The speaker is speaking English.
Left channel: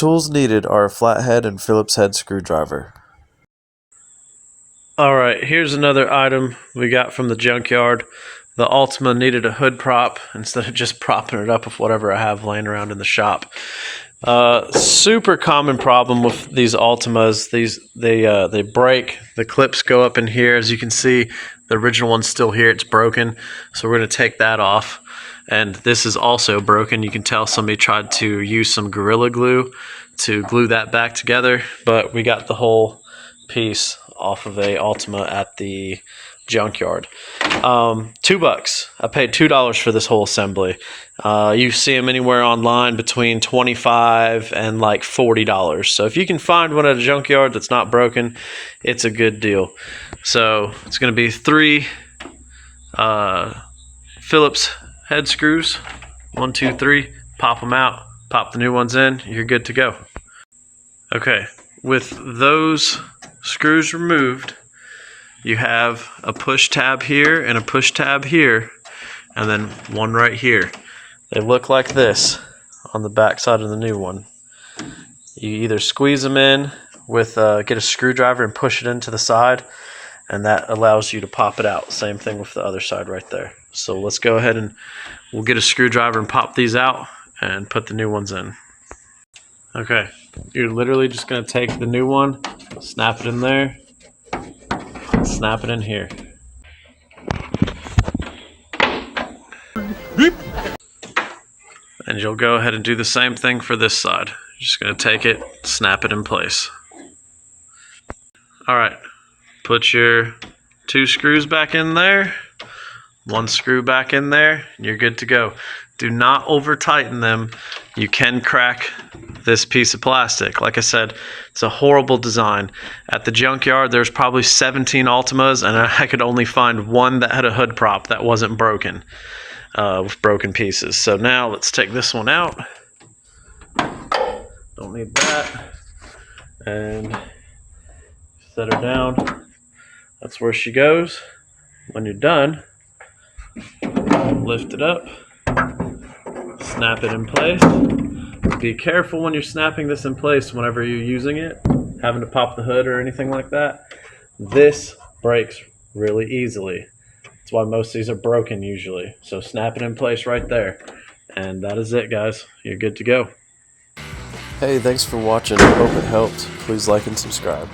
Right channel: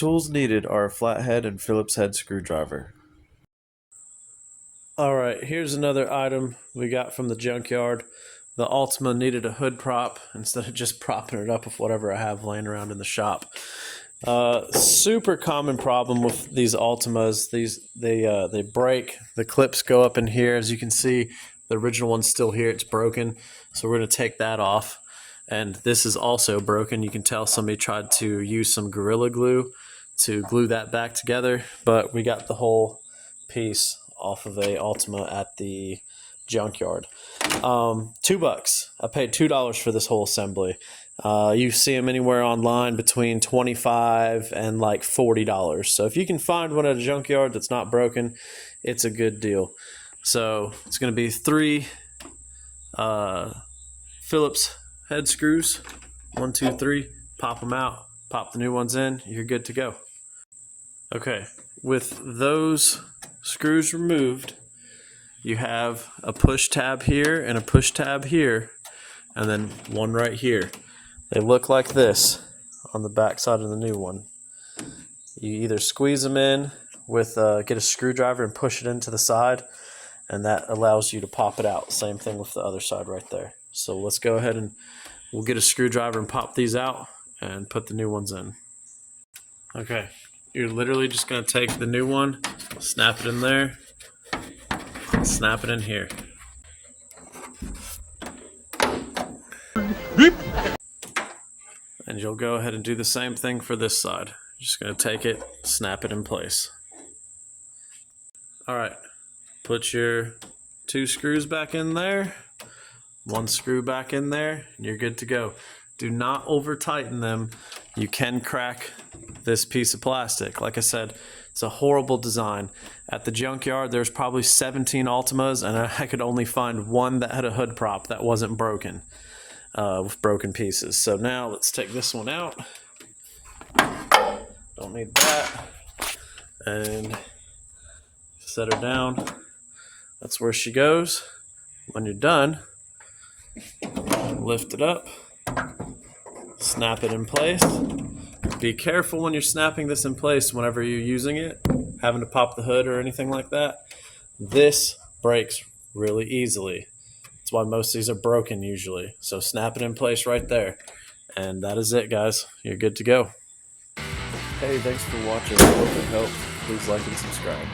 Tools needed are a flathead and Phillips head screwdriver. Alright, here's another item we got from the junkyard. The Altima needed a hood prop instead of just propping it up with whatever I have laying around in the shop. Super common problem with these Altimas. They break. The clips go up in here. As you can see, the original one's still here. It's broken. So we're going to take that off. And this is also broken. You can tell somebody tried to use some Gorilla Glue to glue that back together. But we got the whole piece off of a Altima at the junkyard. $2. I paid $2 for this whole assembly. You see them anywhere online between $25 and like $40. So if you can find one at a junkyard that's not broken, it's a good deal. So it's going to be 3 Phillips head screws. 1, 2, 3. Pop them out. Pop the new ones in. You're good to go. Okay, with those screws removed, you have a push tab here and a push tab here, and then one right here. They look like this on the back side of the new one. You either squeeze them in with get a screwdriver and push it into the side, and that allows you to pop it out. Same thing with the other side right there. So let's go ahead and we'll get a screwdriver and pop these out and put the new ones in. Okay, you're literally just going to take the new one, snap it in there, snap it in here. And you'll go ahead and do the same thing for this side. You're just going to take it, snap it in place. Alright, put your 2 screws back in there, 1 screw back in there, and you're good to go. Do not over tighten them. You can crack this piece of plastic. Like I said, it's a horrible design. At the junkyard, there's probably 17 Altimas, and I could only find one that had a hood prop that wasn't broken, with broken pieces. So now let's take this one out. Don't need that. And set her down. That's where she goes. When you're done, lift it up, snap it in place. Be careful when you're snapping this in place whenever you're using it, having to pop the hood or anything like that. This breaks really easily. That's why most of these are broken usually. So snap it in place right there. And that is it, guys. You're good to go. Hey, thanks for watching. I hope it helped. Please like and subscribe.